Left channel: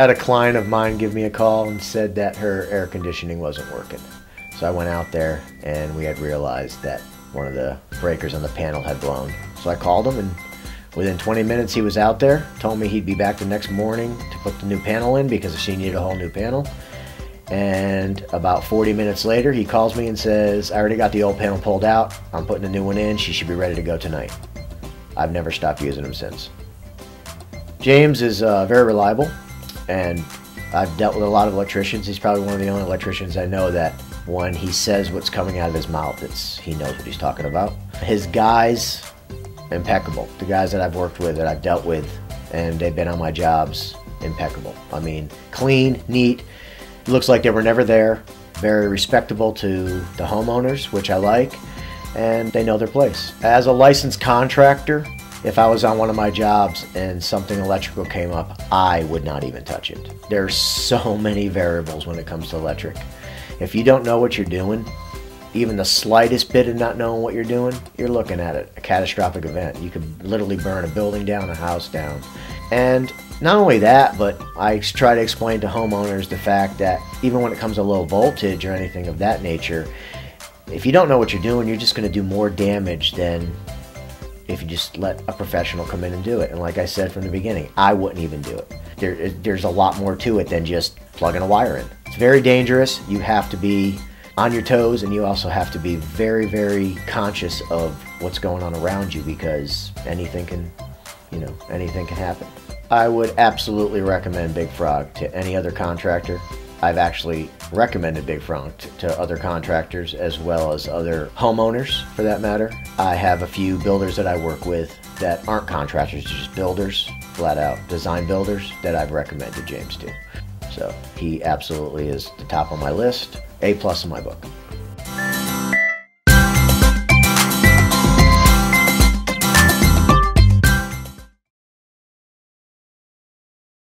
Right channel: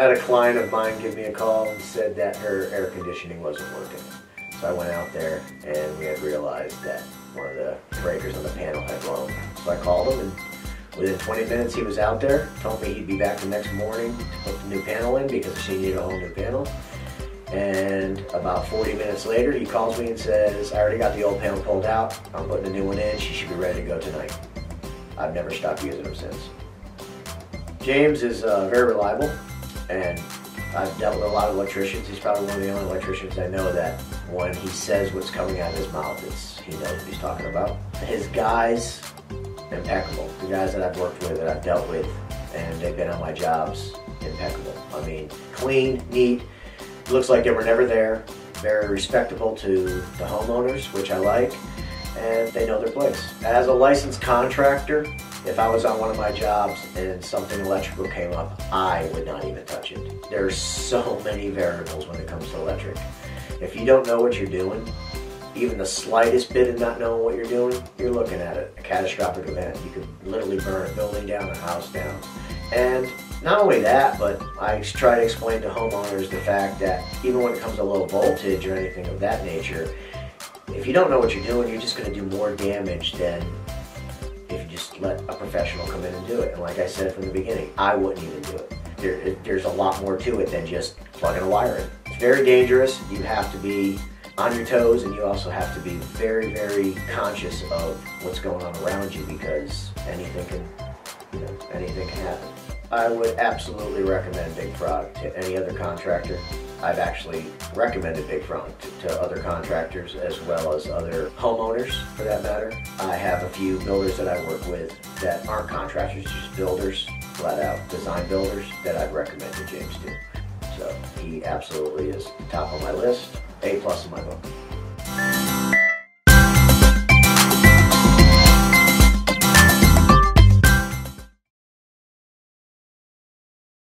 Had a client of mine give me a call and said that her air conditioning wasn't working. So I went out there and we had realized that one of the breakers on the panel had blown. So I called him, and within 20 minutes he was out there, told me he'd be back the next morning to put the new panel in because she needed a whole new panel. And about 40 minutes later he calls me and says, I already got the old panel pulled out, I'm putting a new one in, she should be ready to go tonight. I've never stopped using him since. James is very reliable, and I've dealt with a lot of electricians. He's probably one of the only electricians I know that when he says what's coming out of his mouth, he knows what he's talking about. His guys, impeccable. The guys that I've worked with, that I've dealt with, and they've been on my jobs, impeccable. I mean, clean, neat, looks like they were never there, very respectable to the homeowners, which I like, and they know their place. As a licensed contractor, if I was on one of my jobs and something electrical came up, I would not even touch it. There's so many variables when it comes to electric. If you don't know what you're doing, even the slightest bit of not knowing what you're doing, you're looking at a catastrophic event. You could literally burn a building down, a house down. And not only that, but I try to explain to homeowners the fact that even when it comes to low voltage or anything of that nature, if you don't know what you're doing, you're just going to do more damage than if you just let a professional come in and do it. And like I said from the beginning, I wouldn't even do it. There's a lot more to it than just plugging a wire in. It's very dangerous. You have to be on your toes, and you also have to be very, very conscious of what's going on around you, because anything can happen. I would absolutely recommend Big Frog to any other contractor. I've actually recommended Big Frog to other contractors as well as other homeowners, for that matter. I have a few builders that I work with that aren't contractors, just builders, flat out design builders, that I've recommended James to. So he absolutely is the top of my list, A+ in my book.